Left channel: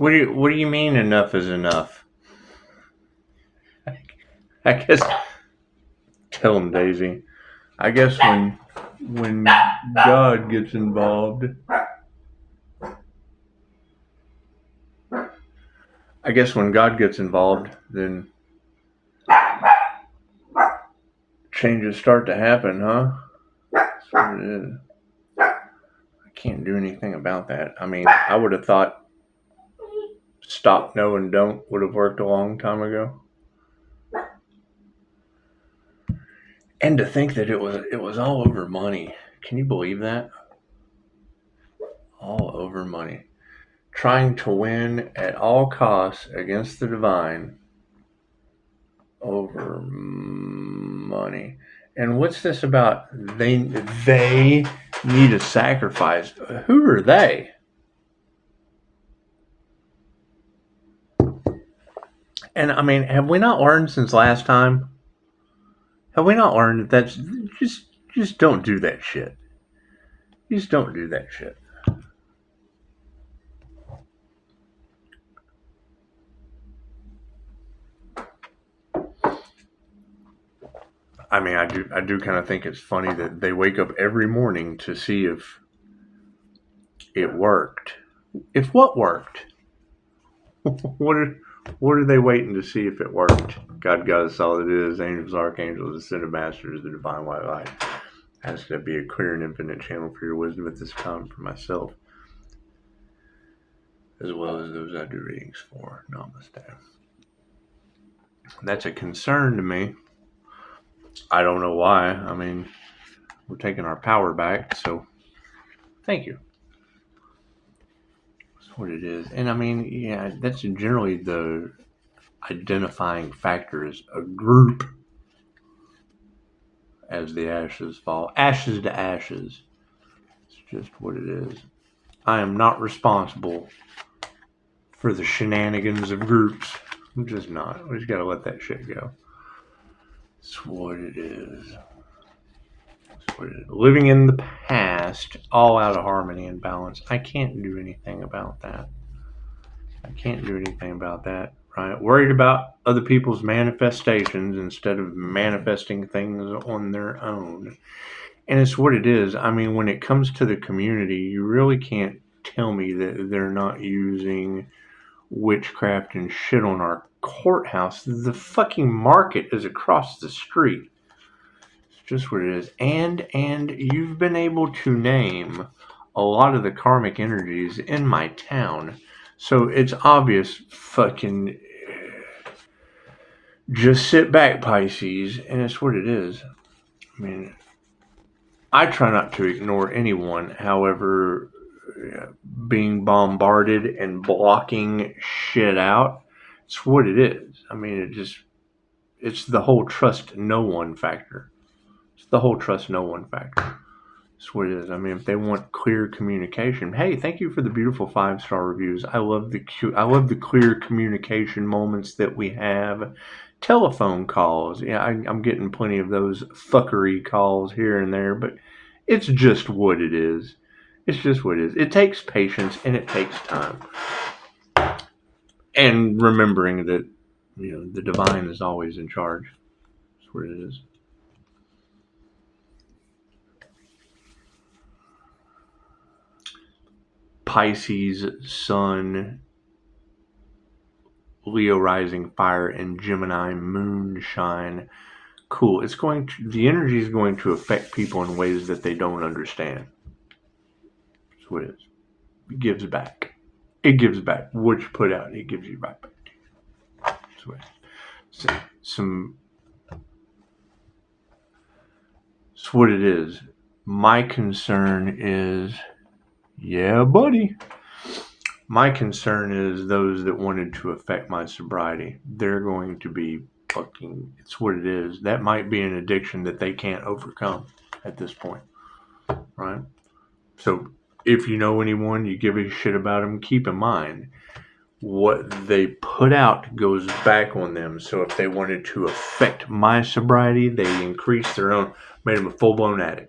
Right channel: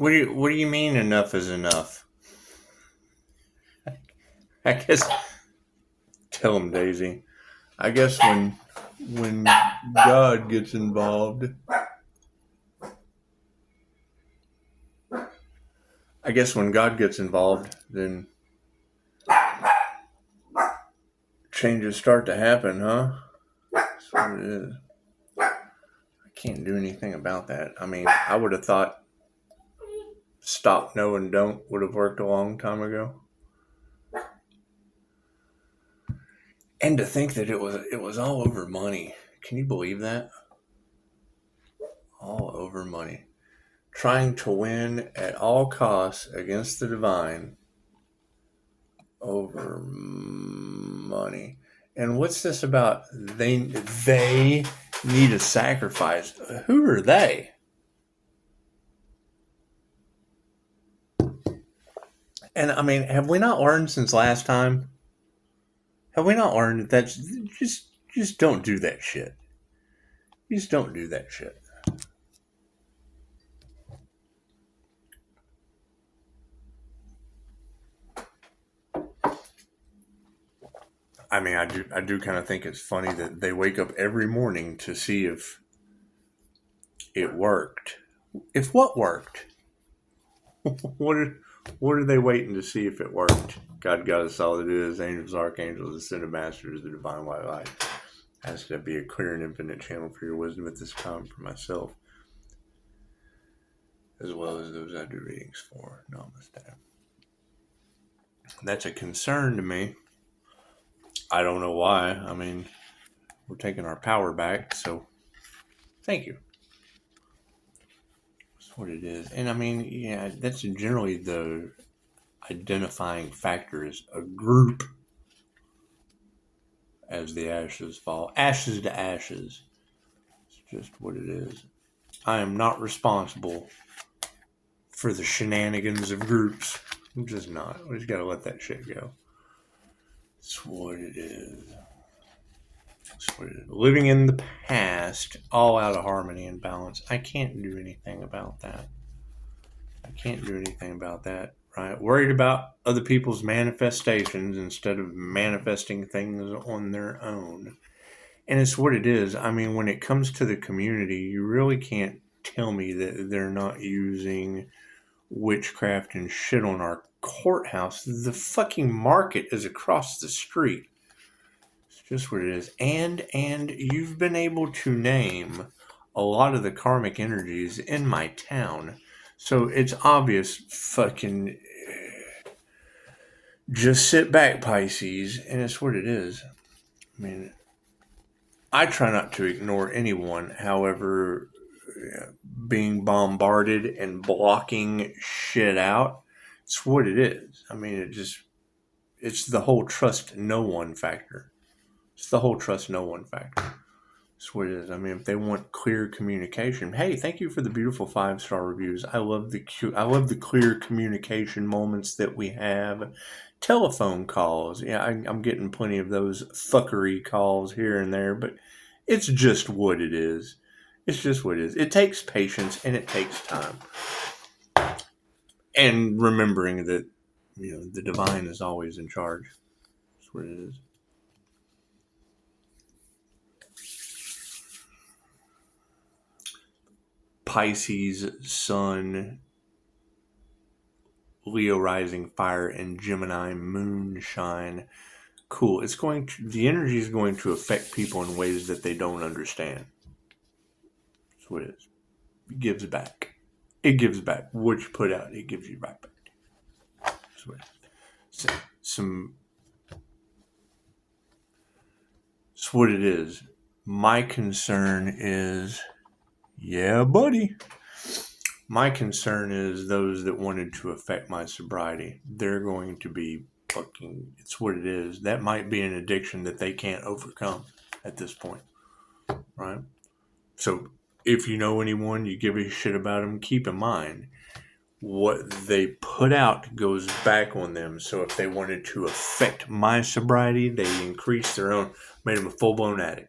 What do you mean enough is enough? I guess tell him, Daisy. I guess when God gets involved, then changes start to happen, huh? That's what it is. I can't do anything about that. I mean, I would have thought stop, no, and don't would have worked a long time ago. And to think that it was all over money. Can you believe that? All over money. Trying to win at all costs against the divine over money. And what's this about? They need a sacrifice. Who are they? And I mean, have we not learned since last time? Have we not learned that that's just don't do that shit? Just don't do that shit. I mean, I do kind of think it's funny that they wake up every morning to see if it worked. If what worked? What are they waiting to see if it worked? God got us all it is. Angels, archangels, ascended masters, the divine white light. Has to be a clear and infinite channel for your wisdom at this time for myself, as well as those I do readings for. Namaste. That's a concern to me. I don't know why. I mean, we're taking our power back, so thank you. That's what it is. And I mean, yeah, that's generally the identifying factor is a group as the ashes fall. Ashes to ashes. It's just what it is. I am not responsible for the shenanigans of groups. I'm just not. We just gotta let that shit go. That's what it is. That's what it is. Living in the past, all out of harmony and balance. I can't do anything about that. Right? Worried about other people's manifestations instead of manifesting things on their own. And it's what it is. I mean, when it comes to the community, you really can't tell me that they're not using witchcraft and shit on our courthouse. The fucking market is across the street. It's just what it is. And you've been able to name a lot of the karmic energies in my town. So it's obvious fucking just sit back, Pisces, and it's what it is. I mean, I try not to ignore anyone. However, being bombarded and blocking shit out, it's what it is. I mean, it's the whole trust no one factor. It's what it is. I mean, if they want clear communication, hey, thank you for the beautiful 5-star reviews. I love the clear communication moments that we have. Telephone calls, yeah, I'm getting plenty of those fuckery calls here and there, but it's just what it is. It takes patience and it takes time, and remembering that the divine is always in charge. That's what it is. Pisces, Sun, Leo rising fire, and Gemini moonshine. Cool. The energy is going to affect people in ways that they don't understand. That's what it is. It gives back. What you put out, it gives you right back. That's what it is. That's what it is. My concern is, yeah, buddy. My concern is those that wanted to affect my sobriety. They're going to be fucking, it's what it is. That might be an addiction that they can't overcome at this point. Right? So if you know anyone, you give a shit about them, keep in mind what they put out goes back on them. So if they wanted to affect my sobriety, they increased their own, made them a full-blown addict.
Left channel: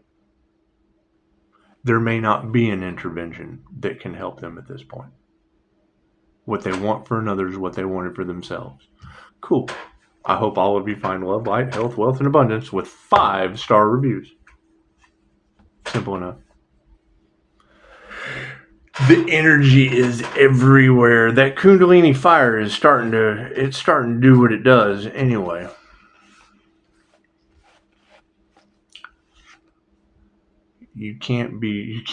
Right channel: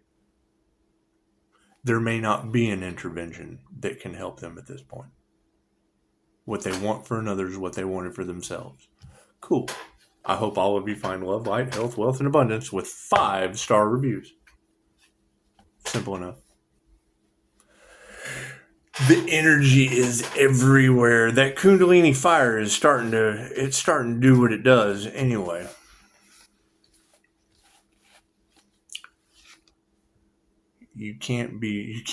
There may not be an intervention that can help them at this point. What they want for another is what they wanted for themselves. Cool. I hope all of you find love, light, health, wealth, and abundance with 5-star reviews. Simple enough. The energy is everywhere. That Kundalini fire is starting to do what it does anyway. You can't be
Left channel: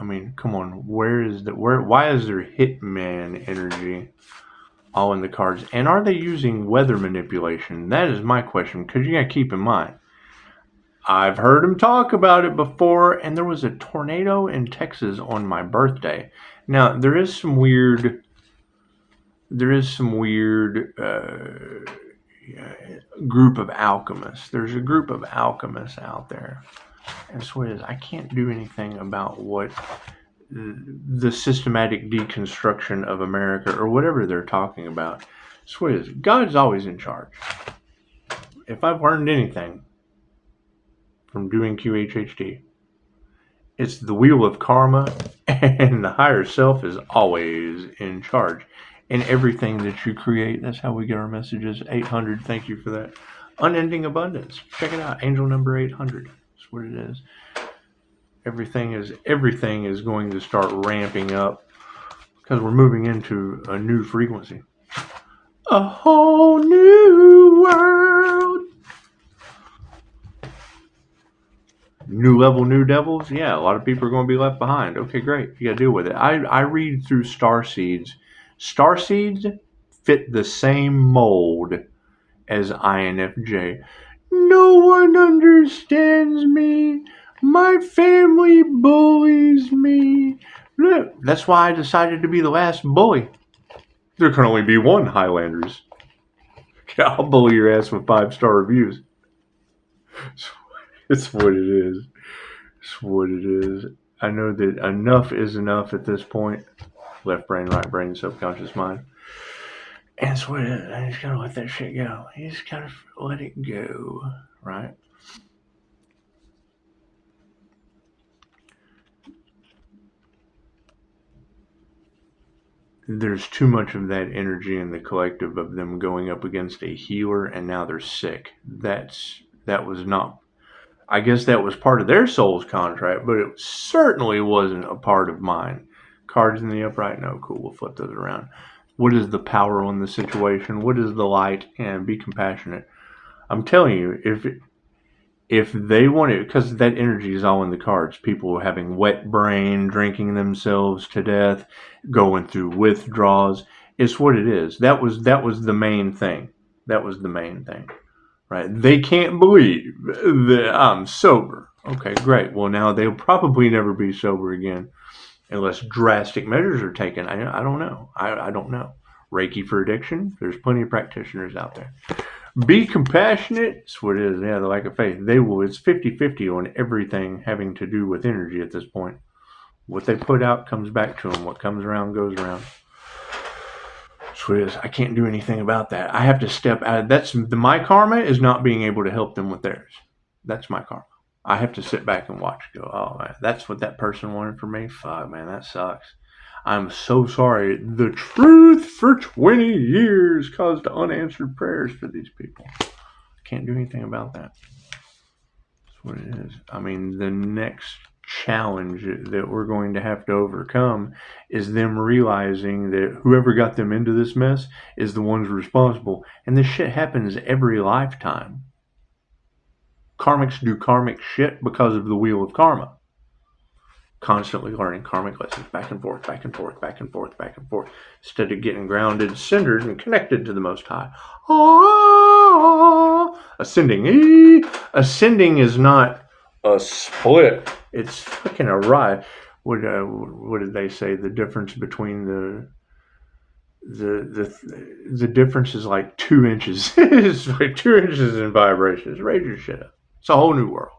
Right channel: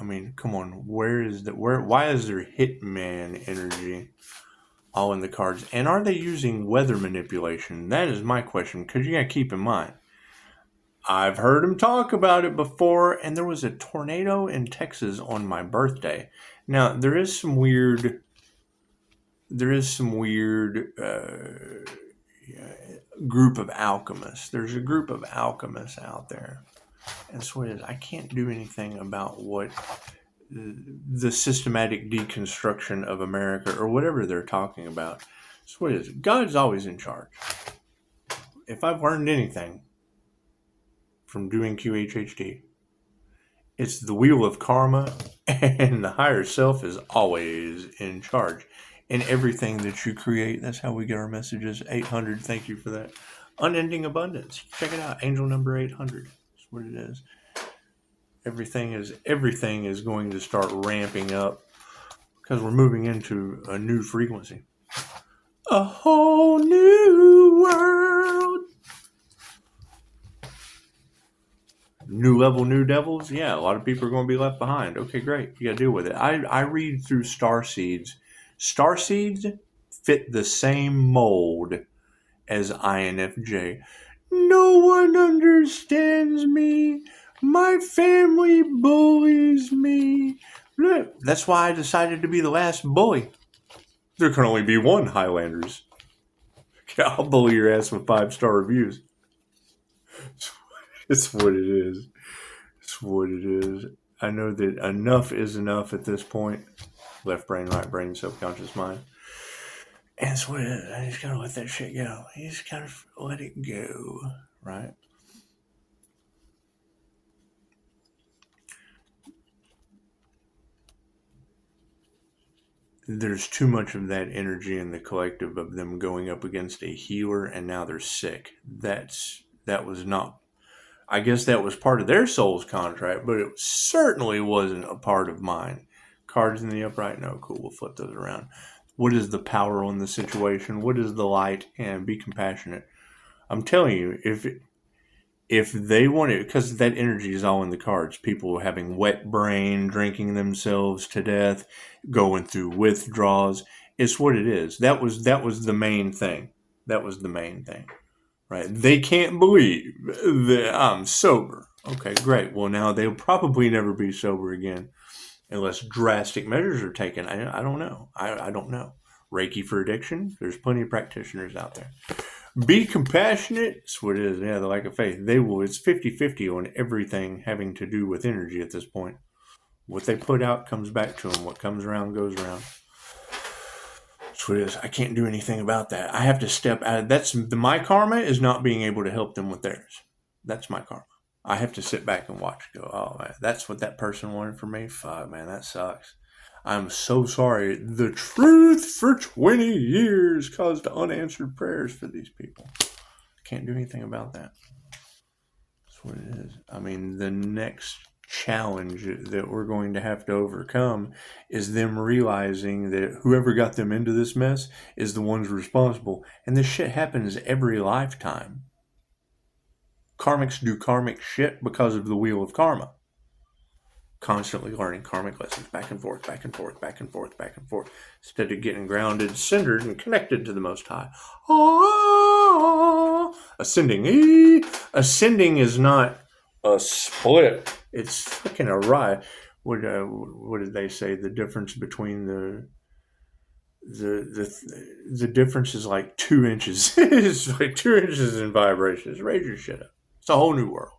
I mean, come on. Why is there hitman energy all in the cards? And are they using weather manipulation? That is my question, because you got to keep in mind, I've heard them talk about it before, and there was a tornado in Texas on my birthday. Now, there is some weird group of alchemists. There's a group of alchemists out there. And so it is. I can't do anything about what the systematic deconstruction of America or whatever they're talking about. So it is. God's always in charge. If I've learned anything from doing QHHT, it's the wheel of karma, and the higher self is always in charge. In everything that you create, that's how we get our messages. 800, thank you for that. Unending abundance. Check it out. Angel number 800. That's what it is. Everything is going to start ramping up because we're moving into a new frequency. A whole new world. New level, new devils. Yeah, a lot of people are going to be left behind. Okay, great. You got to deal with it. I read through star seeds. Star seeds fit the same mold as INFJ. No one understands me. My family bullies me. Look, that's why I decided to be the last bully. There can only be one Highlanders. I'll bully your ass with 5-star reviews. It's what it is. It's what it is. I know that enough is enough at this point. Left brain, right brain, subconscious mind. And that's what it is. I just gotta let that shit go. You just gotta let it go, right? There's too much of that energy in the collective of them going up against a healer, and now they're sick. That was not. I guess that was part of their soul's contract, but it certainly wasn't a part of mine. Cards in the upright, no, cool. We'll flip those around. What is the power on the situation? What is the light? And be compassionate. I'm telling you, if they want it, because that energy is all in the cards. People having wet brain, drinking themselves to death, going through withdrawals. It's what it is. That was the main thing. That was the main thing, right? They can't believe that I'm sober. Okay, great. Well, now they'll probably never be sober again unless drastic measures are taken. I don't know. I don't know. Reiki for addiction. There's plenty of practitioners out there. Be compassionate. That's what it is. Yeah, the lack of faith. They will. It's 50-50 on everything having to do with energy at this point. What they put out comes back to them. What comes around goes around. That's what it is. I can't do anything about that. I have to step out. My karma is not being able to help them with theirs. That's my karma. I have to sit back and watch. Go, oh man, that's what that person wanted from me. Fuck, man, that sucks. I'm so sorry. The truth for 20 years caused unanswered prayers for these people. Can't do anything about that. That's what it is. I mean, the next challenge that we're going to have to overcome is them realizing that whoever got them into this mess is the ones responsible. And this shit happens every lifetime. Karmics do karmic shit because of the wheel of karma. Constantly learning karmic lessons back and forth, back and forth, back and forth, back and forth, instead of getting grounded, centered, and connected to the Most High. Ascending. Ascending is not a split. It's fucking a ride. What did they say? The difference between the difference is like 2 inches. It's like 2 inches in vibrations. Raise your shit up. It's a whole new world.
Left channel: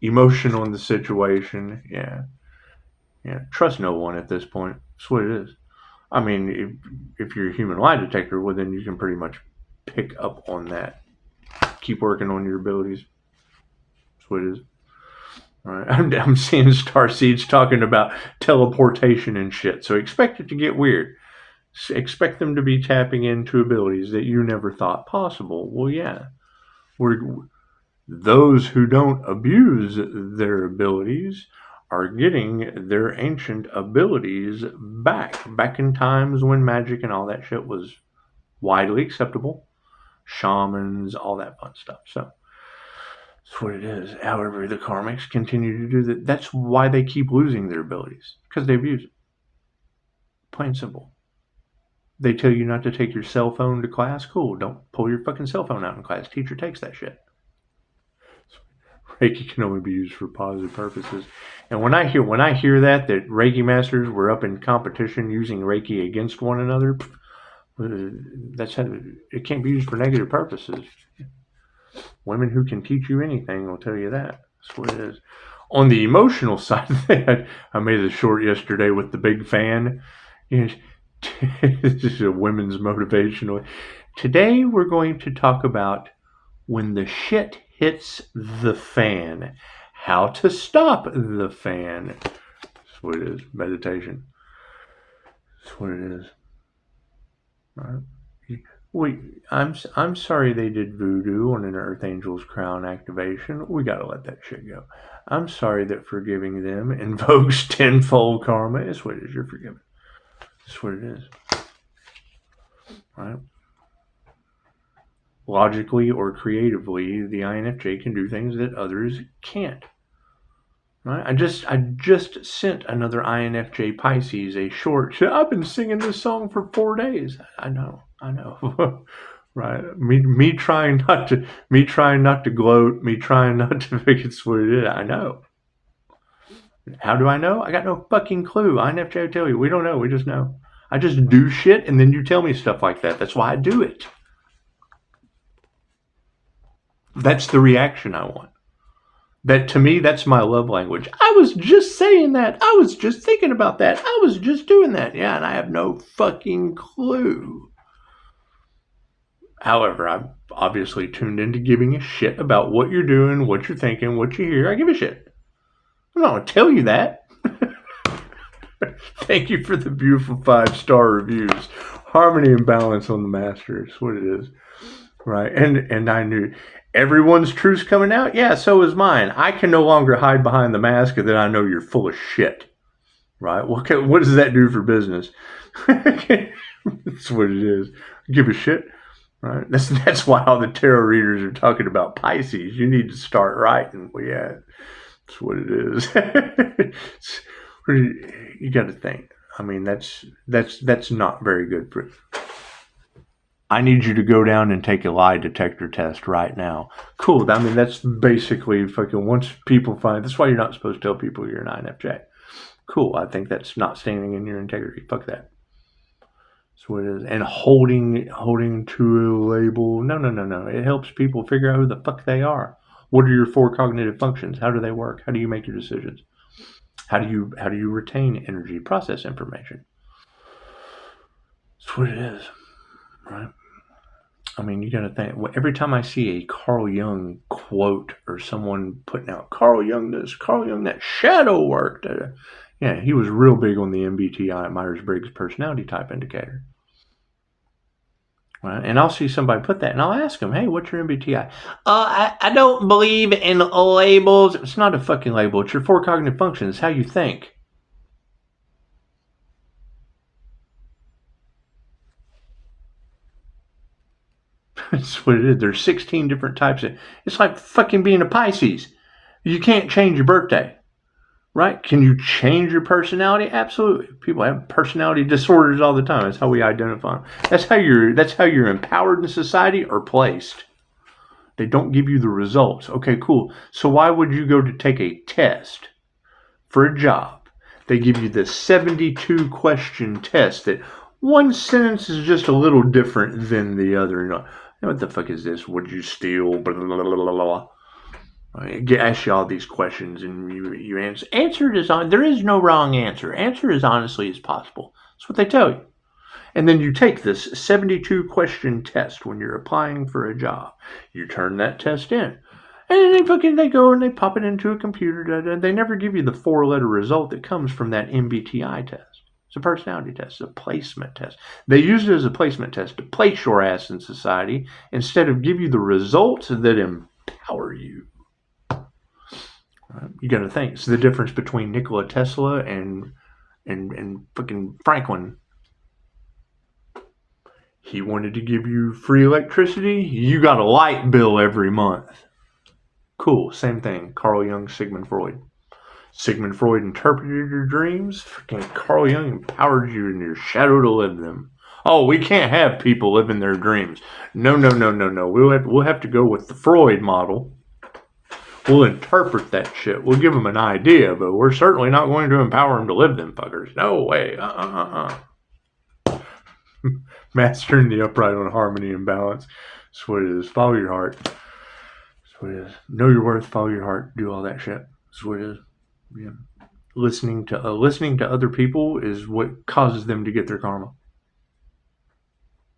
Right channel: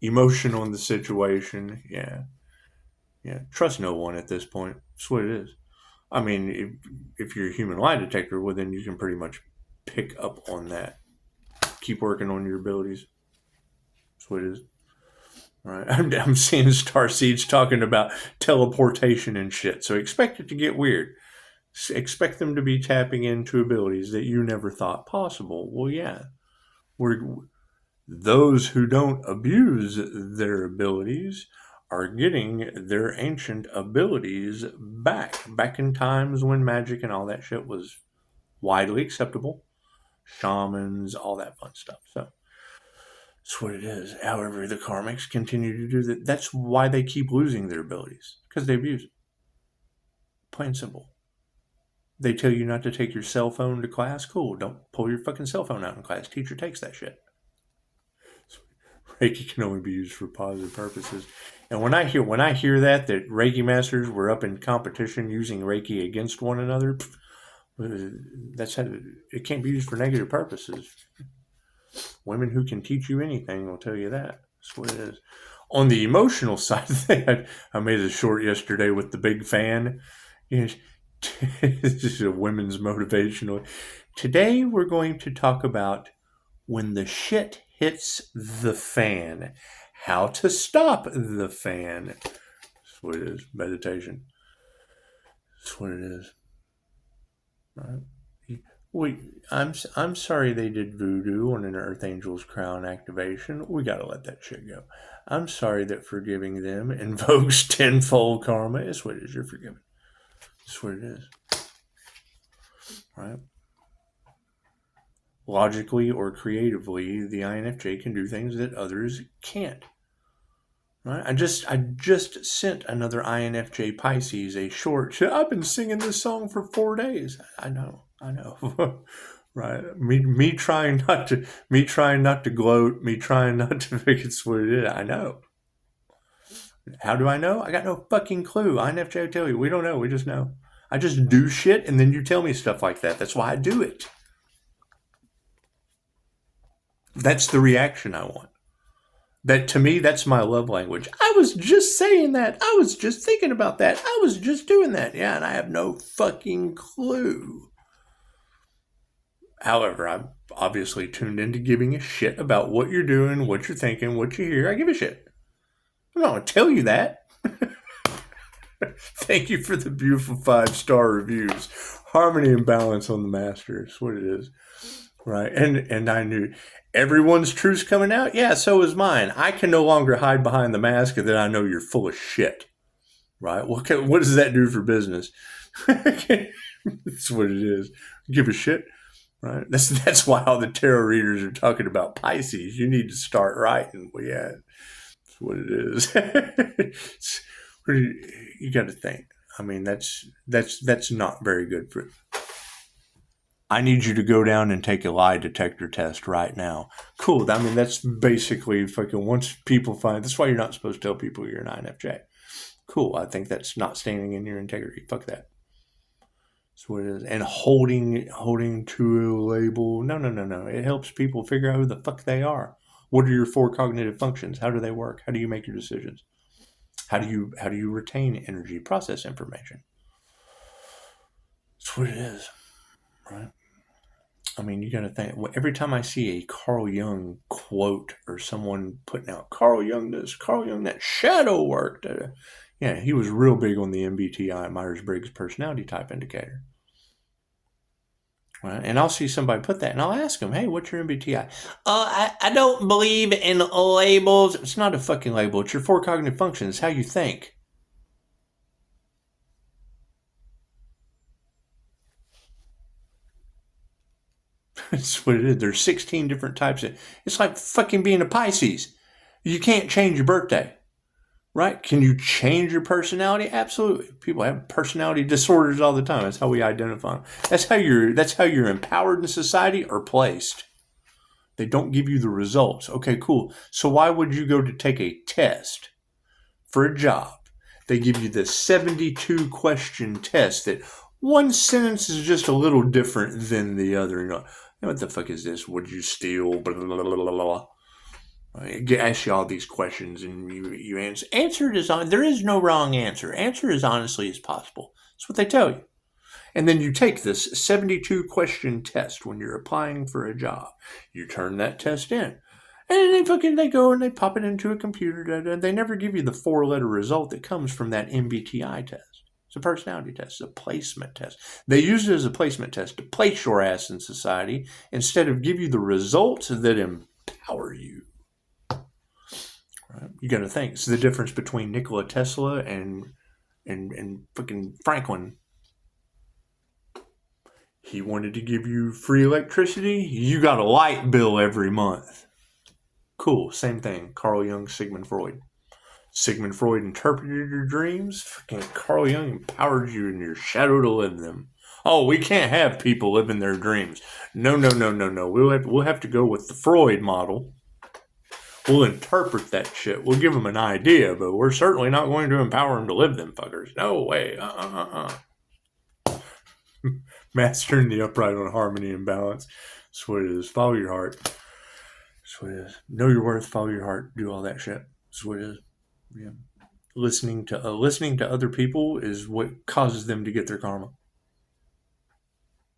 Emotion on the situation. Yeah. Trust no one at this point. That's what it is. I mean, if you're a human lie detector, well, then you can pretty much pick up on that. Keep working on your abilities. That's what it is. Right? I'm seeing starseeds talking about teleportation and shit. So expect it to get weird. Expect them to be tapping into abilities that you never thought possible. Well, yeah. We're, those who don't abuse their abilities are getting their ancient abilities back in times when magic and all that shit was widely acceptable. Shamans, all that fun stuff. So that's what it is. However, the karmics continue to do that. That's why they keep losing their abilities, because they abuse it. Plain simple. They tell you not to take your cell phone to class. Cool. Don't pull your fucking cell phone out in class. Teacher takes that shit. Reiki can only be used for positive purposes. And when I hear that Reiki masters were up in competition using Reiki against one another, that's how it can't be used for negative purposes. Women who can teach you anything will tell you that. That's what it is. On the emotional side of that, I made a short yesterday with the big fan. You know, this is a women's motivational. Today we're going to talk about when the shit hits the fan, how to stop the fan. That's what it is. Meditation. That's what it is. All right. Wait, I'm sorry they did voodoo on an Earth Angel's crown activation. We gotta let that shit go. I'm sorry that forgiving them invokes tenfold karma. That's what it is. You're forgiven. That's what it is. Right? Logically or creatively, the INFJ can do things that others can't. Right? I just sent another INFJ Pisces a short. I've been singing this song for 4 days. I know. Right? Me trying not to gloat, me trying not to make it what it is. I know. How do I know? I got no fucking clue. INFJ will tell you. We don't know. We just know. I just do shit and then you tell me stuff like that. That's why I do it. That's the reaction I want. That to me, that's my love language. I was just saying that. I was just thinking about that. I was just doing that. Yeah, and I have no fucking clue. However, I'm obviously tuned into giving a shit about what you're doing, what you're thinking, what you hear. I give a shit. I'm not going to tell you that. Thank you for the beautiful 5-star reviews. Harmony and balance on the master is what it is. Right? And I knew everyone's truth's coming out. Yeah, so is mine. I can no longer hide behind the mask, and then I know you're full of shit. Right? What does that do for business? That's what it is. Give a shit. Right? That's why all the tarot readers are talking about Pisces. You need to start writing. Well, yeah, that's what it is. You got to think. I mean, that's not very good for. I need you to go down and take a lie detector test right now. Cool. I mean, that's basically fucking once people find. That's why you're not supposed to tell people you're an INFJ. Cool. I think that's not standing in your integrity. Fuck that. That's what it is. And holding to a label. No. It helps people figure out who the fuck they are. What are your 4 cognitive functions? How do they work? How do you make your decisions? How do you retain energy, process information? That's what it is. Right? I mean, you got to think. Every time I see a Carl Jung quote or someone putting out Carl Jung this, Carl Jung that, shadow work. Yeah, he was real big on the MBTI, Myers-Briggs Personality Type Indicator. Right? And I'll see somebody put that, and I'll ask them, hey, what's your MBTI? I don't believe in labels. It's not a fucking label. It's your 4 cognitive functions, how you think. That's what it is. There's 16 different types of. It's like fucking being a Pisces. You can't change your birthday, right? Can you change your personality? Absolutely. People have personality disorders all the time. That's how we identify them. That's how you're empowered in society or placed. They don't give you the results. Okay, cool. So why would you go to take a test for a job? They give you this 72 question test that one sentence is just a little different than the other. You know, what the fuck is this? Would you steal? Blah, blah, blah, blah, blah. I ask you all these questions and you answer. Answer it there is no wrong answer. Answer as honestly as possible. That's what they tell you. And then you take this 72 question test when you're applying for a job. You turn that test in. And they go and they pop it into a computer. They never give you the 4-letter result that comes from that MBTI test. It's a personality test. It's a placement test. They use it as a placement test to place your ass in society instead of give you the results that empower you. Right? You got to think. It's the difference between Nikola Tesla and fucking Franklin. He wanted to give you free electricity. You got a light bill every month. Cool. Same thing. Carl Jung, Sigmund Freud. Sigmund Freud interpreted your dreams. Fucking Carl Jung empowered you in your shadow to live them. Oh, we can't have people living their dreams. No. We'll have to go with the Freud model. We'll interpret that shit. We'll give them an idea, but we're certainly not going to empower them to live them fuckers. No way. Mastering the upright on harmony and balance. That's what it is. Follow your heart. That's what it is. Know your worth. Follow your heart. Do all that shit. That's what it is. Yeah. Listening to other people is what causes them to get their karma.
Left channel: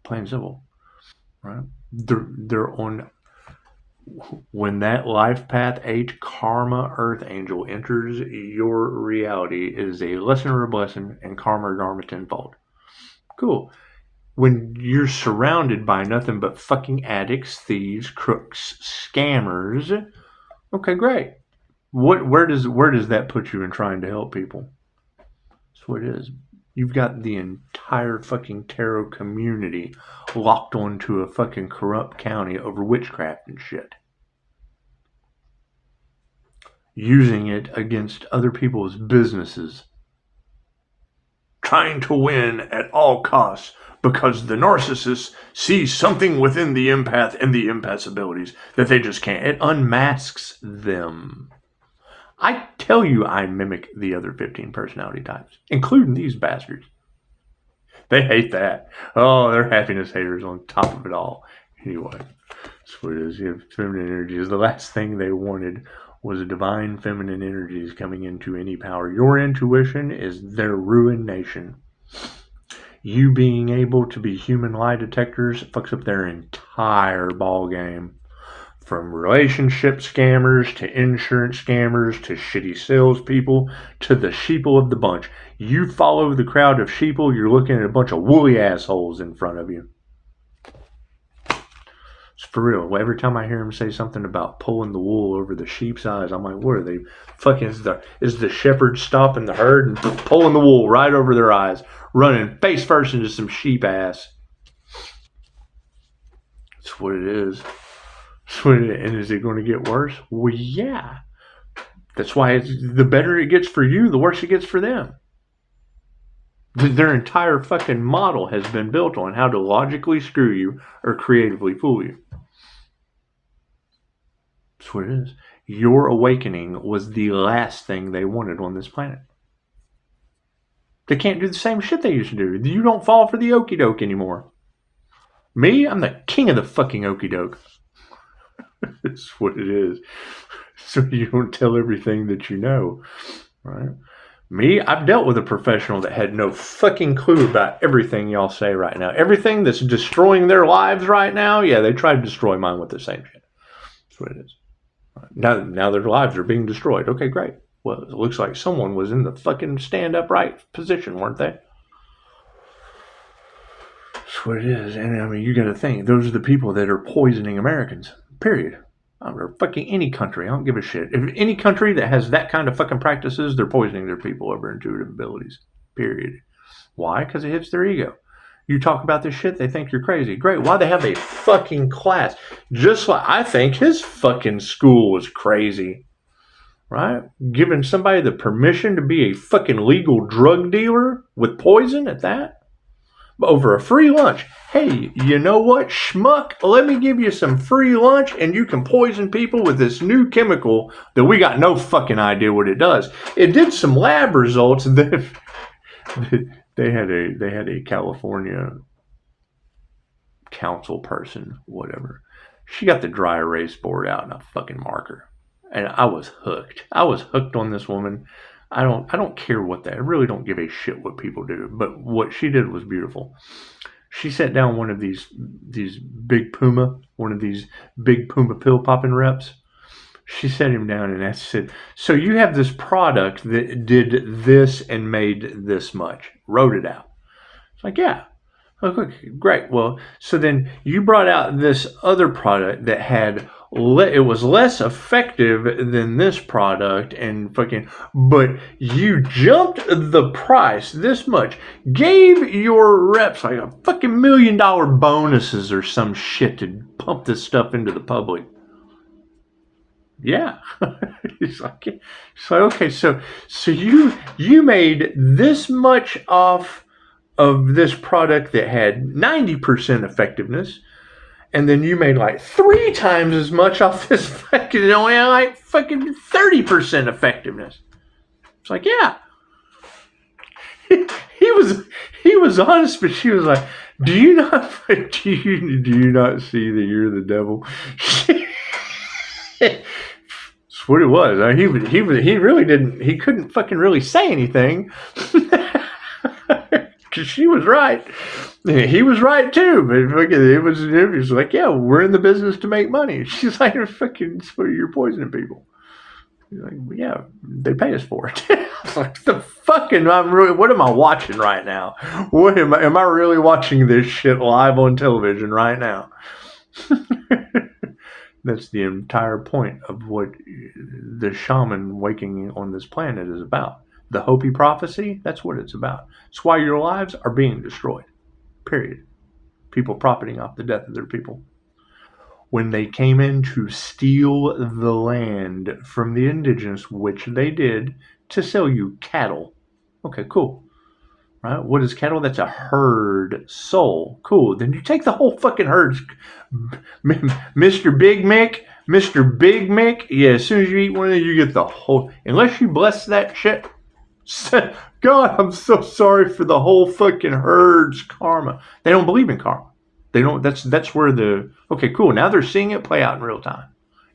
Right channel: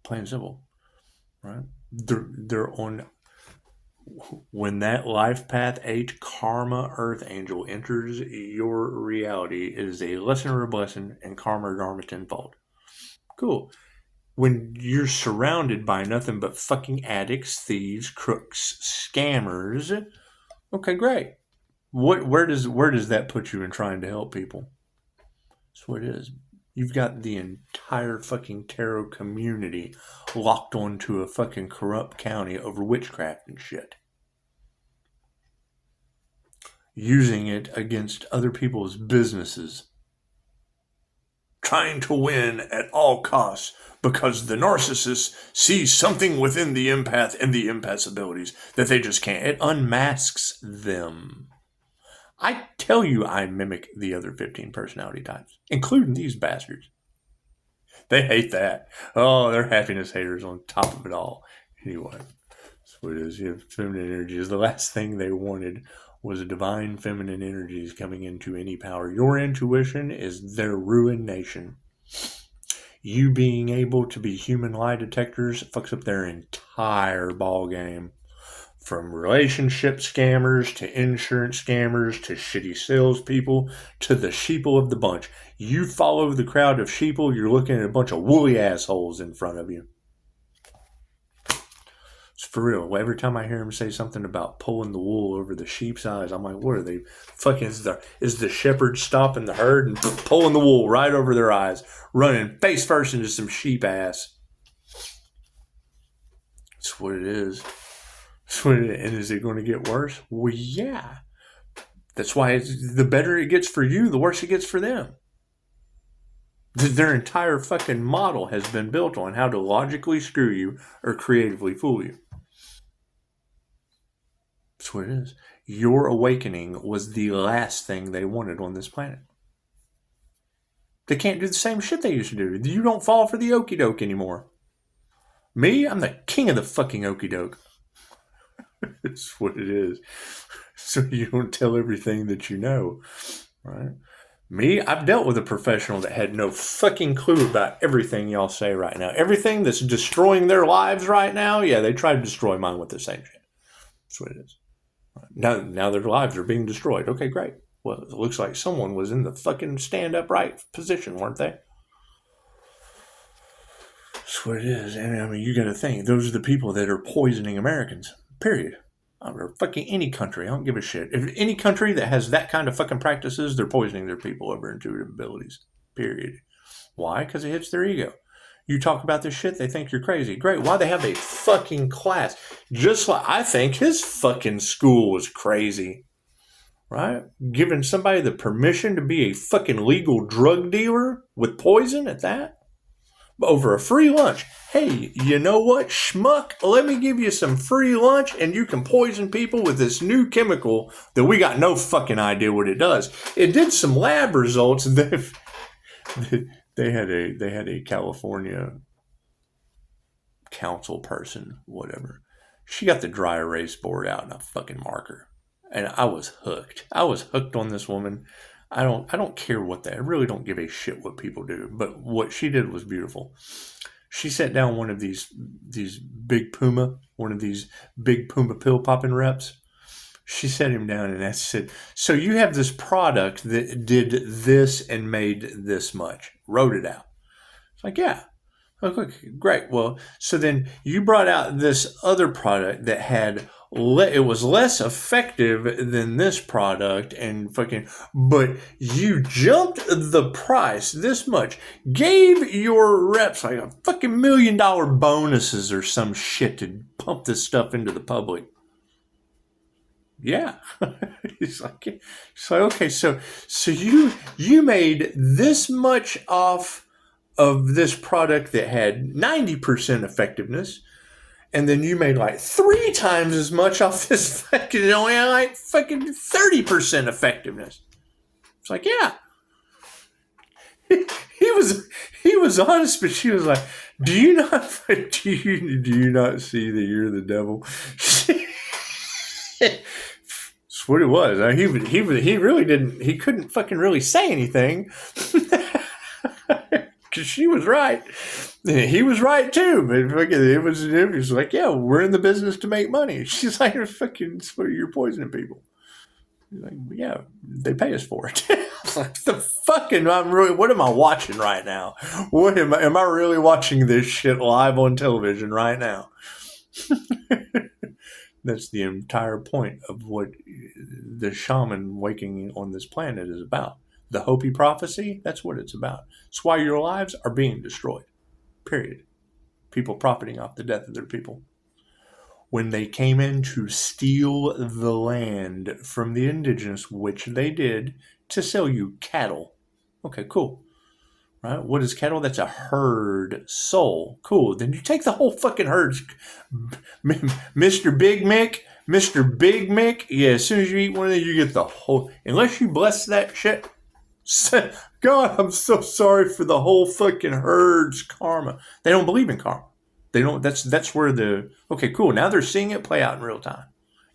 Plain and simple, right? They're on. When that life path H karma earth angel enters your reality, it is a lesson or a blessing, and karma or dharma tenfold. Cool. When you're surrounded by nothing but fucking addicts, thieves, crooks, scammers, okay, great. Where does that put you in trying to help people? That's what it is. You've got the entire fucking tarot community locked onto a fucking corrupt county over witchcraft and shit. Using it against other people's businesses. Trying to win at all costs because the narcissist sees something within the empath and the empath's abilities that they just can't. It unmasks them. I tell you I mimic the other 15 personality types, including these bastards. They hate that. Oh, they're happiness haters on top of it all. Anyway, that's what it is. Feminine energy is the last thing they wanted was a divine feminine energies coming into any power. Your intuition is their ruination. You being able to be human lie detectors fucks up their entire ball game. From relationship scammers to insurance scammers to shitty salespeople to the sheeple of the bunch. You follow the crowd of sheeple, you're looking at a bunch of woolly assholes in front of you. It's for real. Every time I hear him say something about pulling the wool over the sheep's eyes, I'm like, what are they? Fucking is the shepherd stopping the herd and pulling the wool right over their eyes, running face first into some sheep ass. That's what it is. And is it going to get worse? Well, yeah. That's why the better it gets for you, the worse it gets for them. Their entire fucking model has been built on how to logically screw you or creatively fool you. That's what it is. Your awakening was the last thing they wanted on this planet. They can't do the same shit they used to do. You don't fall for the okie doke anymore. Me, I'm the king of the fucking okie doke. That's what it is. So you don't tell everything that you know, right? Me, I've dealt with a professional that had no fucking clue about everything y'all say right now. Everything that's destroying their lives right now, yeah, they tried to destroy mine with the same shit. That's what it is. Right. Now their lives are being destroyed. Okay, great. Well, it looks like someone was in the fucking stand upright position, weren't they? That's what it is. And I mean, you got to think, those are the people that are poisoning Americans. Period. Or fucking any country. I don't give a shit. If any country that has that kind of fucking practices, they're poisoning their people over intuitive abilities. Period. Why? Because it hits their ego. You talk about this shit, they think you're crazy. Great. Why they have a fucking class? Just like I think his fucking school was crazy. Right? Giving somebody the permission to be a fucking legal drug dealer with poison at that? Over a free lunch. Hey, you know what, schmuck? Let me give you some free lunch and you can poison people with this new chemical that we got no fucking idea what it does. It did some lab results that they had a California council person, whatever. She got the dry erase board out and a fucking marker. And I was hooked. I was hooked on this woman. I don't care what I really don't give a shit what people do. But what she did was beautiful. She sat down one of these big puma pill popping reps, She sat him down and said, so you have this product that did this and made this much. Wrote it out. It's like, yeah. Okay, great. Well, so then you brought out this other product that had it was less effective than this product and but you jumped the price this much, gave your reps like a fucking $1 million bonuses or some shit to pump this stuff into the public. Yeah. It's like okay, so you made this much off of this product that had 90% effectiveness, and then you made like 3 times as much off this fucking only had like fucking 30% effectiveness. It's like, yeah. He was honest, but she was like, do you not see that you're the devil? That's what it was. I mean, he really didn't. He couldn't fucking really say anything. Because she was right. He was right too. But it was like, yeah, we're in the business to make money. She's like, fucking, you're poisoning people. He's like, well, yeah, they pay us for it. It's like, the fucking, what am I watching right now? What am I really watching this shit live on television right now? That's the entire point of what the shaman waking on this planet is about. The Hopi prophecy, that's what it's about. It's why your lives are being destroyed. Period. People profiting off the death of their people. When they came in to steal the land from the indigenous, which they did, to sell you cattle. Okay, cool. Right? What is cattle? That's a herd soul. Cool. Then you take the whole fucking herd. Mr. Big Mick. Yeah, as soon as you eat one of them, you get the whole. Unless you bless that shit. God, I'm so sorry for the whole fucking herd's karma. They don't believe in karma. They don't. That's where the. Okay, cool. Now they're seeing it play out in real time,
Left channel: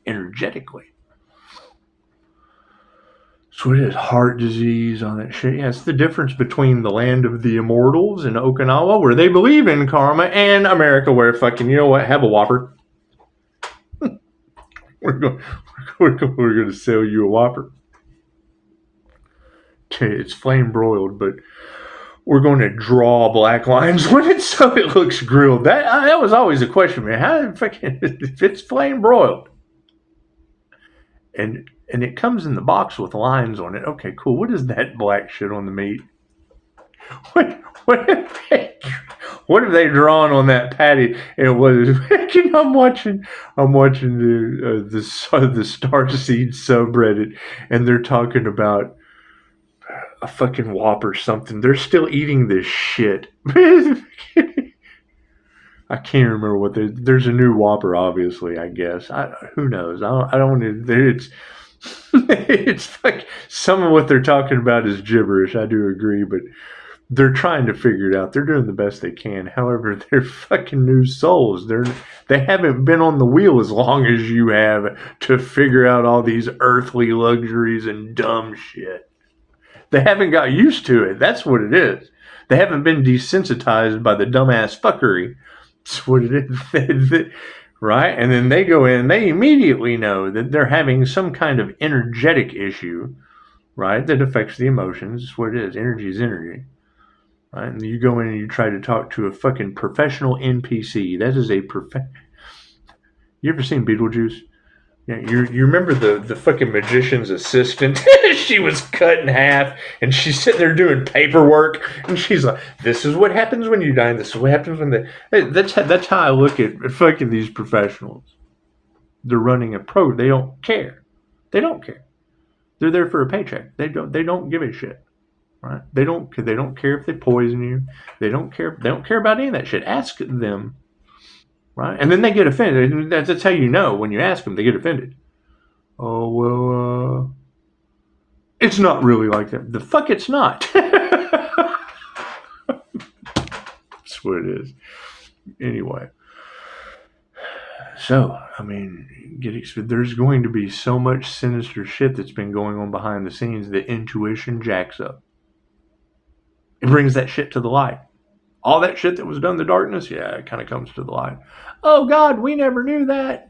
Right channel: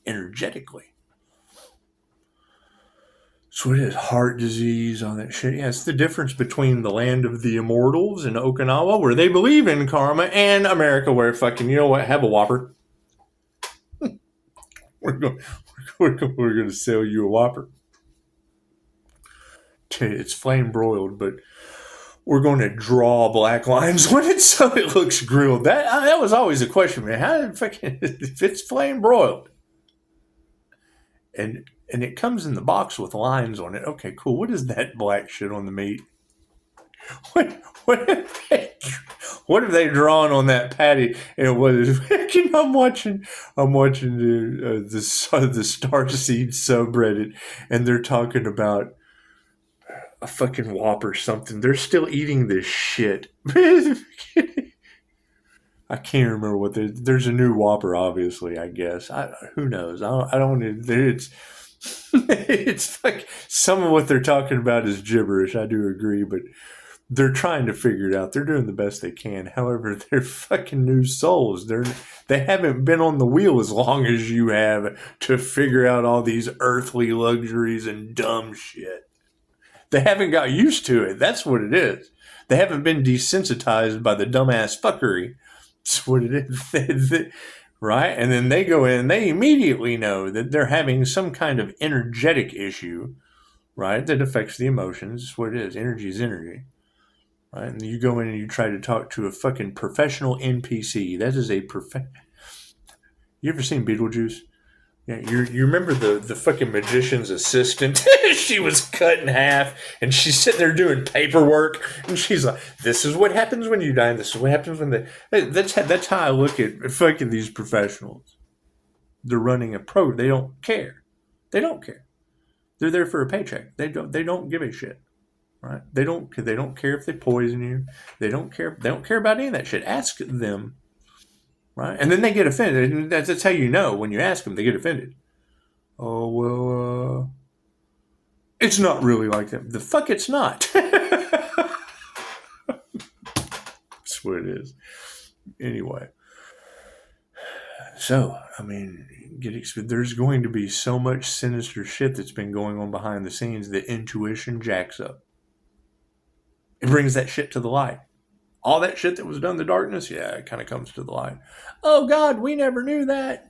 energetically. So it is heart disease, all that shit. Yeah, it's the difference between the land of the immortals in Okinawa, where they believe in karma, and America, where fucking, you know what, have a Whopper. we're going to sell you a Whopper. It's flame broiled, but we're going to draw black lines when it so it looks grilled. That was always a question, man. How fucking if it's flame broiled? And it comes in the box with lines on it. Okay, cool. What is that black shit on the meat? What have they drawn on that patty? And what is? I'm watching the Starseed subreddit, and they're talking about a fucking Whopper something. They're still eating this shit. I can't remember what there's a new Whopper, obviously, I guess. Who knows? I don't it's it's like some of what they're talking about is gibberish. I do agree, but they're trying to figure it out. They're doing the best they can. However, they're fucking new souls. They haven't been on the wheel as long as you have to figure out all these earthly luxuries and dumb shit. They haven't got used to it. That's what it is. They haven't been desensitized by the dumbass fuckery. That's what it is. Right? And then they go in, they immediately know that they're having some kind of energetic issue, right? That affects the emotions. That's what it is. Energy is energy. Right? And you go in and you try to talk to a fucking professional NPC. That is a You ever seen Beetlejuice? Yeah, you remember the fucking magician's assistant? She was cut in half, and she's sitting there doing paperwork, and she's like, "This is what happens when you die. This is what happens when they." That's how I look at fucking these professionals. They're running a pro. They don't care. They don't care. They're there for a paycheck. They don't give a shit. Right? They don't care if they poison you. They don't care. They don't care about any of that shit. Ask them. Right? And then they get offended. That's how you know when you ask them, they get offended. Oh, well, it's not really like that. The fuck it's not. That's what it is. Anyway. So, I mean, there's going to be so much sinister shit that's been going on behind the scenes that intuition jacks up. It brings that shit to the light. All that shit that was done in the darkness, yeah, it kind of comes to the light. Oh, God, we never knew that.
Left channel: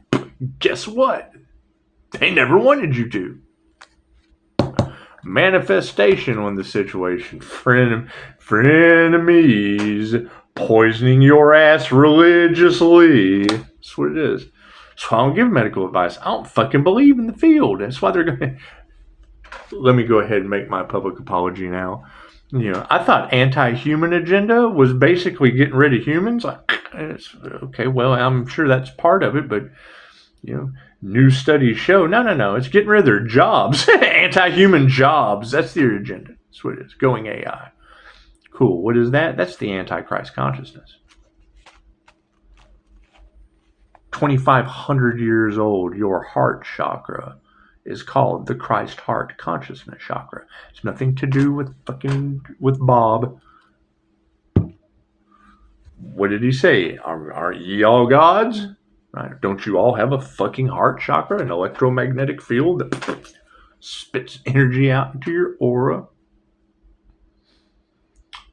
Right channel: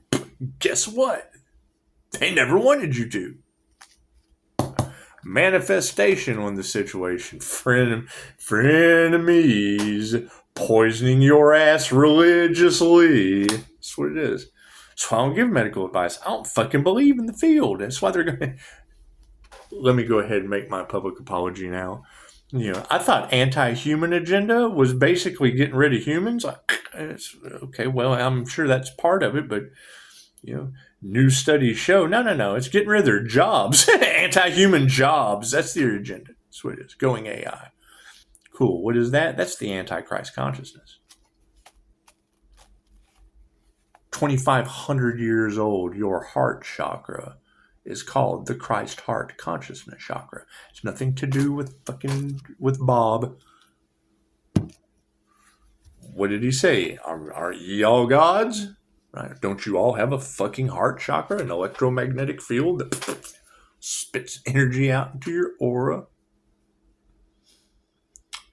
Guess what? They never wanted you to. Manifestation on the situation. Frenemies poisoning your ass religiously. That's what it is. So I don't give medical advice. I don't fucking believe in the field. That's why they're going to... Let me go ahead and make my public apology now. I thought anti-human agenda was basically getting rid of humans. Okay, well, I'm sure that's part of it, but, new studies show, no, it's getting rid of their jobs. Anti-human jobs. That's their agenda. That's what it is. Going AI. Cool. What is that? That's the Antichrist consciousness. 2,500 years old, your heart chakra is called the Christ heart consciousness chakra. It's nothing to do with Bob. What did he say? Aren't ye all gods? Right? Don't you all have a fucking heart chakra, an electromagnetic field that spits energy out into your aura?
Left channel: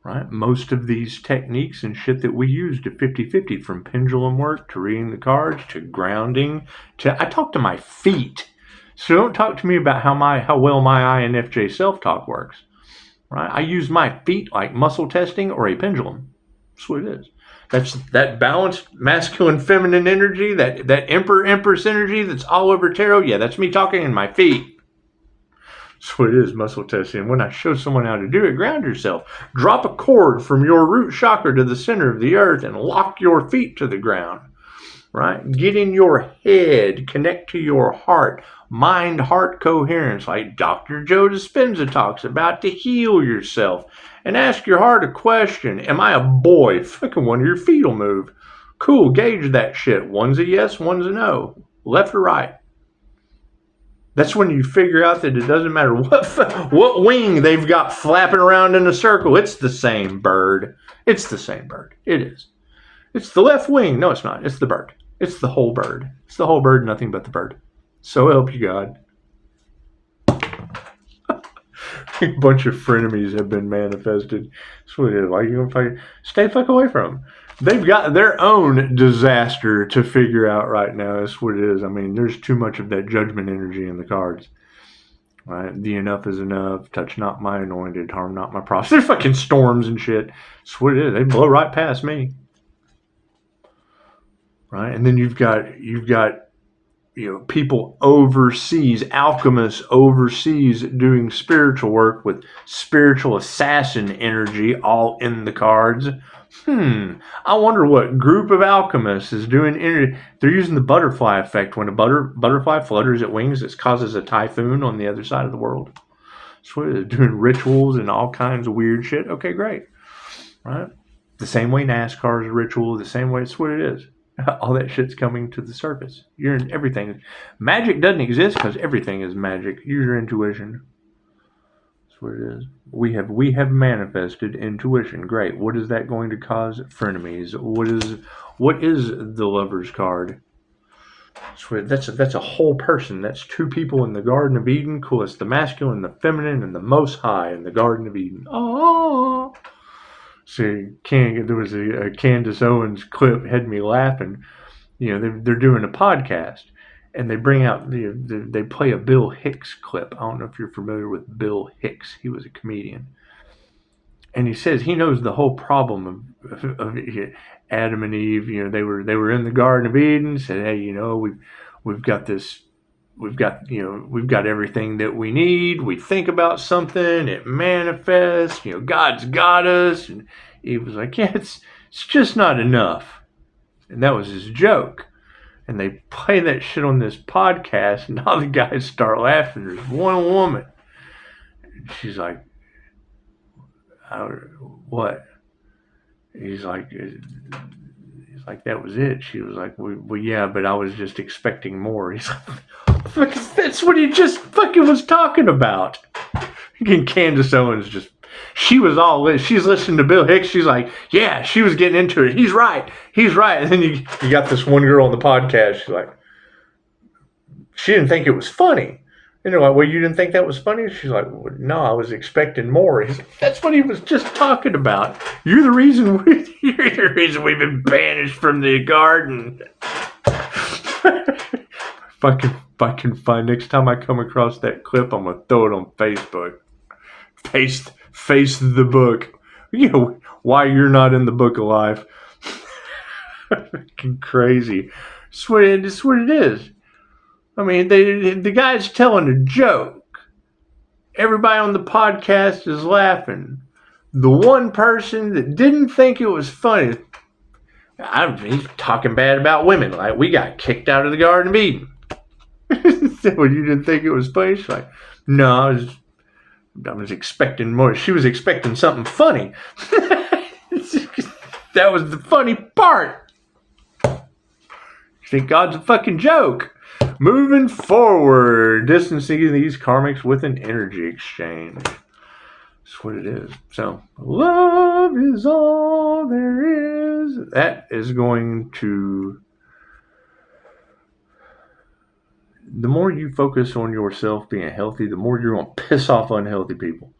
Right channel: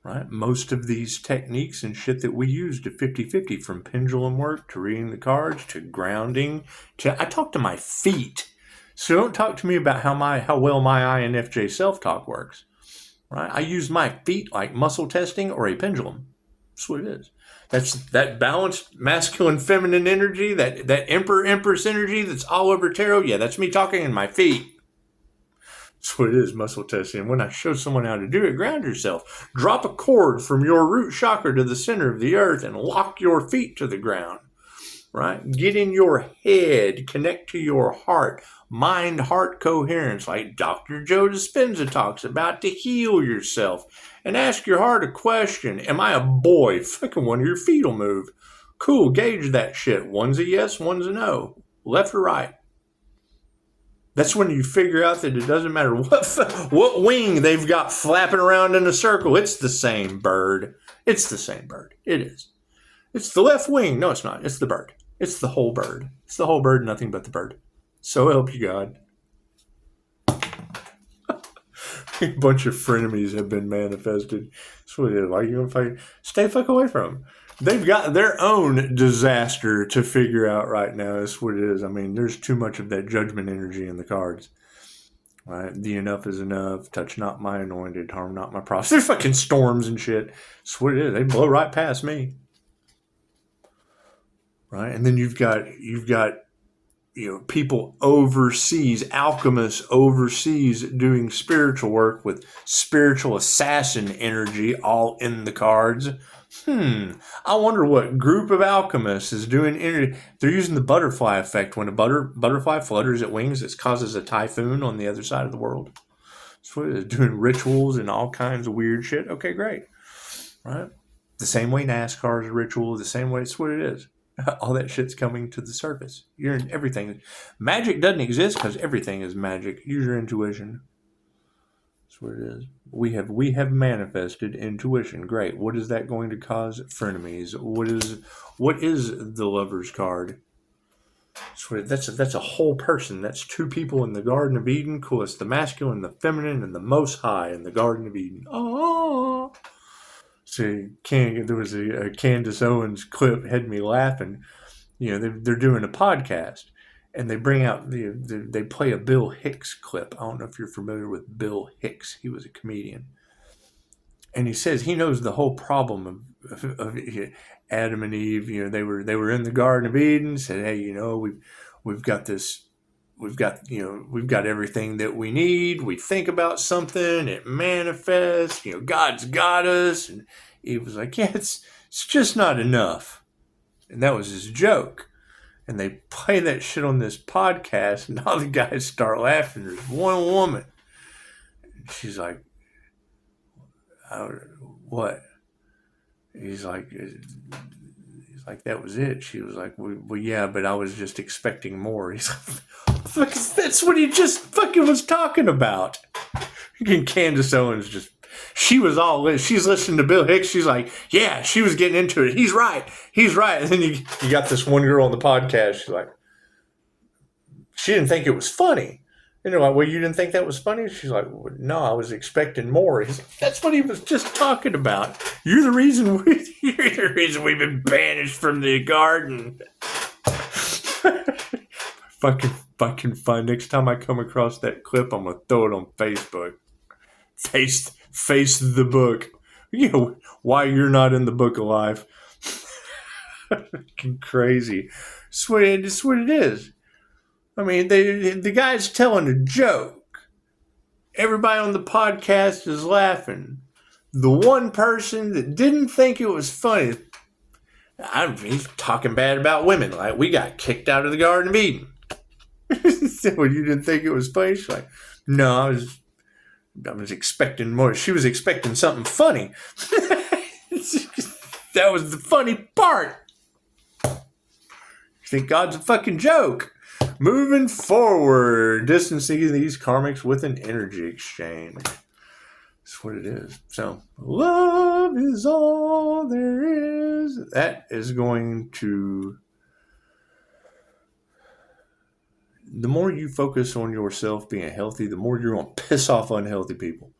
Right? Most of these techniques and shit that we use to 50-50, from pendulum work to reading the cards to grounding to... I talk to my feet. So don't talk to me about how well my INFJ self-talk works. Right? I use my feet like muscle testing or a pendulum. That's what it is. That's that balanced masculine feminine energy, that Emperor Empress energy that's all over tarot. Yeah, that's me talking in my feet. That's what it is, muscle testing. When I show someone how to do it, ground yourself. Drop a cord from your root chakra to the center of the earth and lock your feet to the ground. Right? Get in your head. Connect to your heart. Mind-heart coherence, like Dr. Joe Dispenza talks about, to heal yourself. And ask your heart a question. Am I a boy? Fucking one of your feet will move. Cool, gauge that shit. One's a yes, one's a no. Left or right. That's when you figure out that it doesn't matter what wing they've got flapping around in a circle. It's the same bird. It's the same bird. It is. It's the left wing. No, it's not. It's the bird. It's the whole bird. It's the whole bird, nothing but the bird. So help you God. A bunch of frenemies have been manifested. That's what it is. Why are you going to fight? Stay the fuck away from them. They've got their own disaster to figure out right now. That's what it is. I mean, there's too much of that judgment energy in the cards. Right? The enough is enough. Touch not my anointed. Harm not my prophets. They're fucking storms and shit. That's what it is. They blow right past me. Right? And then you've got people overseas, alchemists overseas doing spiritual work with spiritual assassin energy all in the cards. I wonder what group of alchemists is doing energy. They're using the butterfly effect. When a butterfly flutters its wings, it causes a typhoon on the other side of the world. So they're doing rituals and all kinds of weird shit. Okay, great. Right? The same way NASCAR is a ritual, the same way it's what it is. All that shit's coming to the surface. You're in everything. Magic doesn't exist because everything is magic. Use your intuition. That's what it is. We have manifested intuition. Great. What is that going to cause? Frenemies. What is the Lover's card? That's a whole person. That's two people in the Garden of Eden. Cool. It's the masculine, the feminine, and the Most High in the Garden of Eden. Oh. See, there was a Candace Owens clip had me laughing. They're doing a podcast, and they bring out they play a Bill Hicks clip. I don't know if you're familiar with Bill Hicks. He was a comedian, and he says he knows the whole problem of Adam and Eve. They were in the Garden of Eden. Said, hey, we've got this. We've got everything that we need. We think about something, it manifests. God's got us. And he was like, yeah, it's just not enough. And that was his joke. And they play that shit on this podcast, and all the guys start laughing. There's one woman. And she's like, what? He's like, that was it. She was like, well, yeah, but I was just expecting more. He's like, that's what he just fucking was talking about. And Candace Owens she's listening to Bill Hicks. She's like, yeah, she was getting into it. He's right. And then you got this one girl on the podcast. She's like, she didn't think it was funny. And they're like, well, you didn't think that was funny? She's like, well, no, I was expecting more. He's like, that's what he was just talking about. You're the reason we've been banished from the garden. If I can find, next time I come across that clip, I'm going to throw it on Facebook. Face the book. You know, why you're not in the book of life. Fucking crazy. It's what it is. I mean, the guy's telling a joke. Everybody on the podcast is laughing. The one person that didn't think it was funny, he's talking bad about women. Like, we got kicked out of the Garden of Eden. So you didn't think it was funny? She's like, no, I was expecting more. She was expecting something funny. That was the funny part. You think God's a fucking joke. Moving forward, distancing these karmics with an energy exchange. That's what it is. So, love is all there is. That is going to... The more you focus on yourself being healthy, the more you're going to piss off unhealthy people.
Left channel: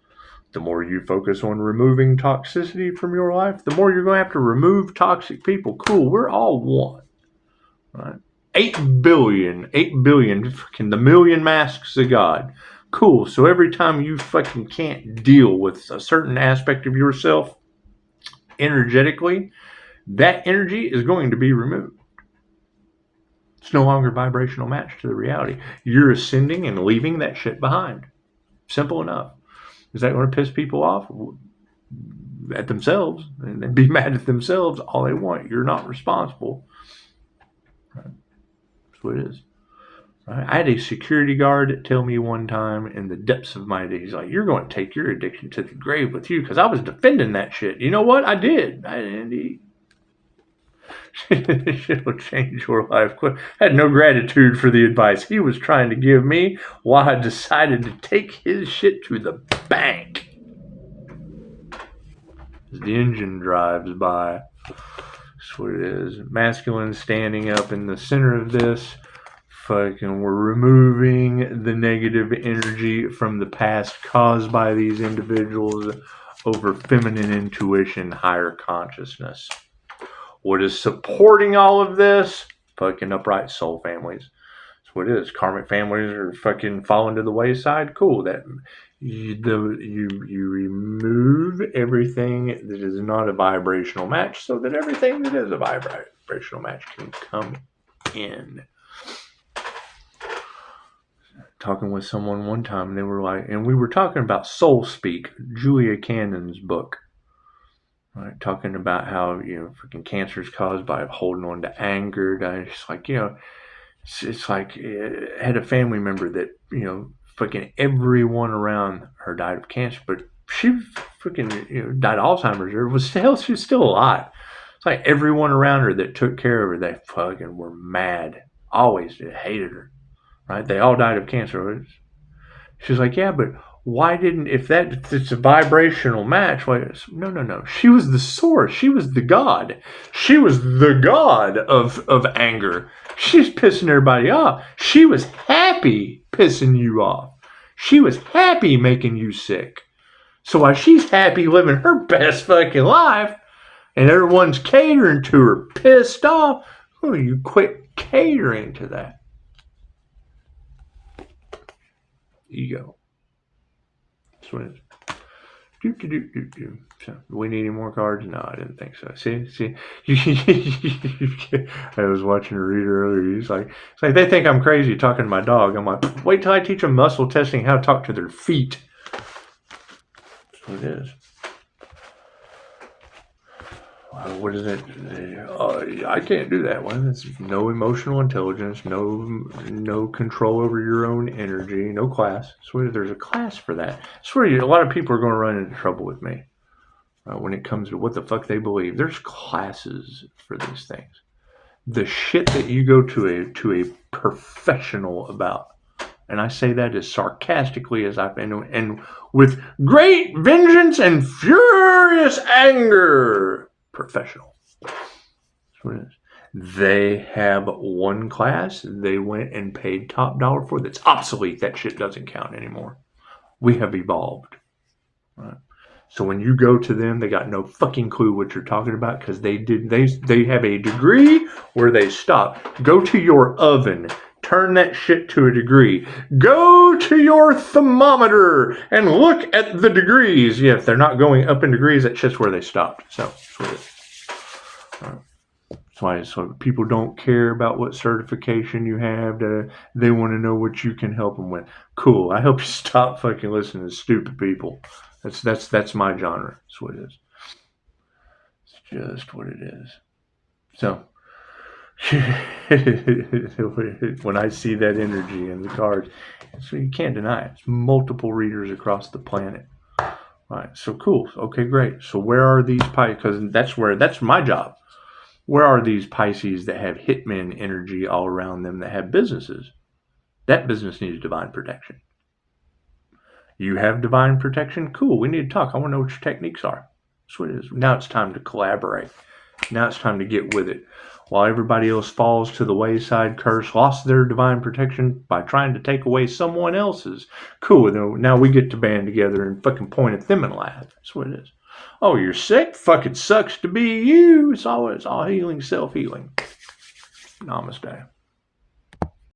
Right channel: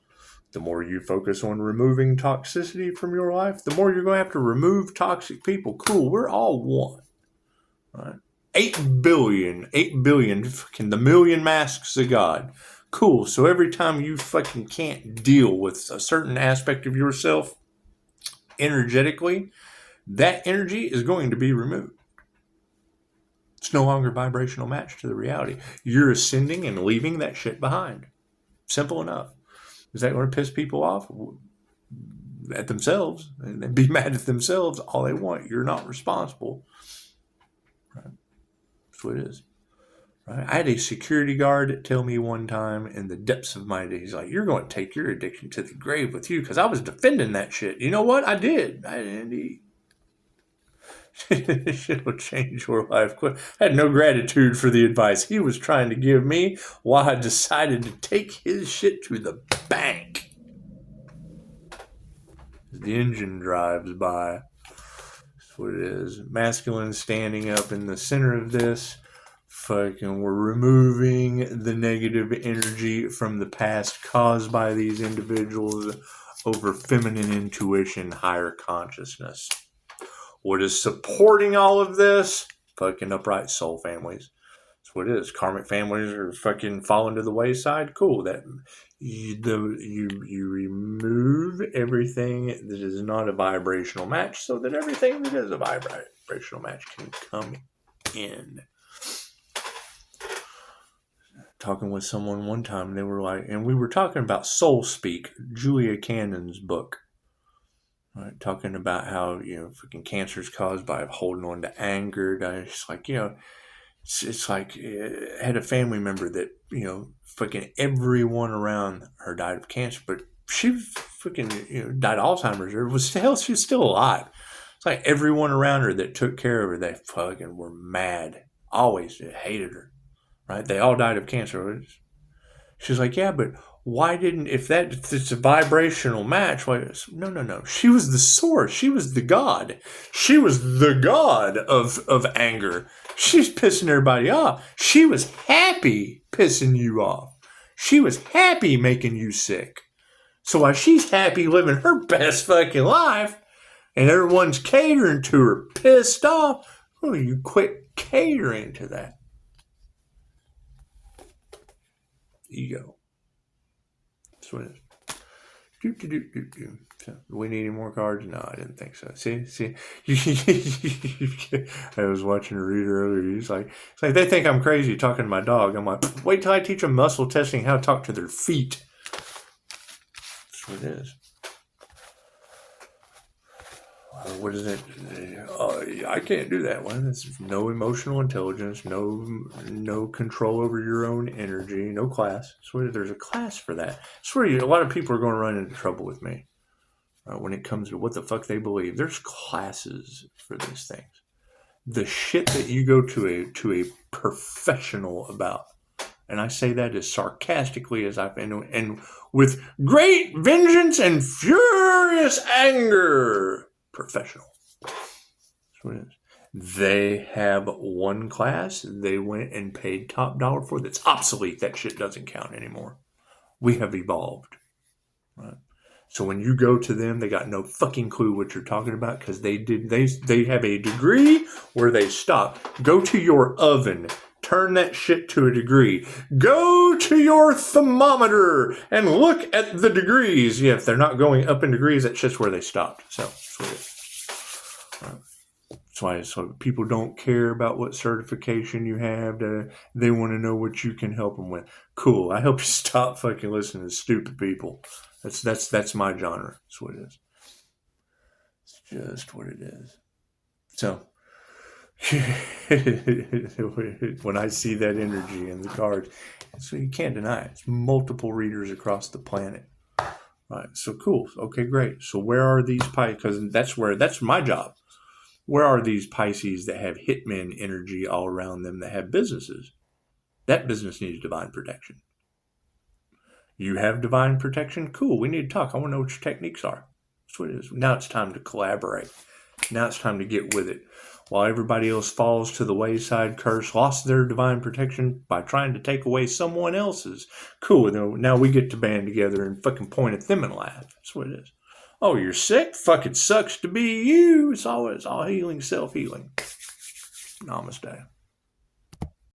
The more you focus on removing toxicity from your life, the more you're going to have to remove toxic people. Cool, we're all one. Right? 8 billion, fucking the million masks of God. Cool, so every time you fucking can't deal with a certain aspect of yourself energetically, that energy is going to be removed. It's no longer vibrational match to the reality. You're ascending and leaving that shit behind. Simple enough. Is that going to piss people off? At themselves. And they'd be mad at themselves all they want. You're not responsible. Right? That's what it is. Right? I had a security guard tell me one time in the depths of my day, he's like, you're going to take your addiction to the grave with you, because I was defending that shit. You know what? I did. Shit will change your life quick. I had no gratitude for the advice he was trying to give me while I decided to take his shit to the bank. The engine drives by. That's what it is. Masculine standing up in the center of this. Fucking, we're removing the negative energy from the past caused by these individuals over feminine intuition, higher consciousness. What is supporting all of this? Fucking upright soul families. That's what it is. Karmic families are fucking falling to the wayside. Cool. That you remove everything that is not a vibrational match so that everything that is a vibrational match can come in. Talking with someone one time, and they were like, and we were talking about Soul Speak, Julia Cannon's book. Right, talking about how, fucking cancer is caused by holding on to anger. It's like, it's like I had a family member that, fucking everyone around her died of cancer, but she fucking, died of Alzheimer's. She was still alive. It's like everyone around her that took care of her, they fucking were mad. Always hated her. Right? They all died of cancer. She's like, yeah, but why didn't, if it's a vibrational match, no. She was the source. She was the God. She was the God of anger. She's pissing everybody off. She was happy pissing you off. She was happy making you sick. So while she's happy living her best fucking life, and everyone's catering to her, pissed off, you quit catering to that. Ego. That's what it is. So, do we need any more cards? No, I didn't think so. See. I was watching a reader earlier. He's like, they think I'm crazy talking to my dog. I'm like, wait till I teach them muscle testing how to talk to their feet. That's what it is. What is it? I can't do that one. It's no emotional intelligence, no control over your own energy, no class. So there's a class for that. I swear a lot of people are going to run into trouble with me when it comes to what the fuck they believe. There's classes for these things. The shit that you go to a professional about, and I say that as sarcastically as I've been, and with great vengeance and furious anger. Professional. That's what it is. They have one class they went and paid top dollar for that's obsolete. That shit doesn't count anymore. We have evolved. Right? So when you go to them, they got no fucking clue what you're talking about because they have a degree where they stop. Go to your oven, turn that shit to a degree. Go to your thermometer and look at the degrees. Yeah, if they're not going up in degrees, that's just where they stopped. So that's what it is. That's why so people don't care about what certification you have. They want to know what you can help them with. Cool. I hope you stop fucking listening to stupid people. That's my genre. That's what it is. It's just what it is. So when I see that energy in the cards, you can't deny it. It's multiple readers across the planet. Right. So cool. Okay, great. So where are these Pisces? Because that's my job. Where are these Pisces that have hitman energy all around them that have businesses? That business needs divine protection. You have divine protection? Cool. We need to talk. I want to know what your techniques are. That's what it is. Now it's time to collaborate. Now it's time to get with it. While everybody else falls to the wayside, curse, lost their divine protection by trying to take away someone else's. Cool. Now we get to band together and fucking point at them and laugh. That's what it is. Oh, you're sick? Fucking sucks to be you. It's all healing, self-healing. Namaste.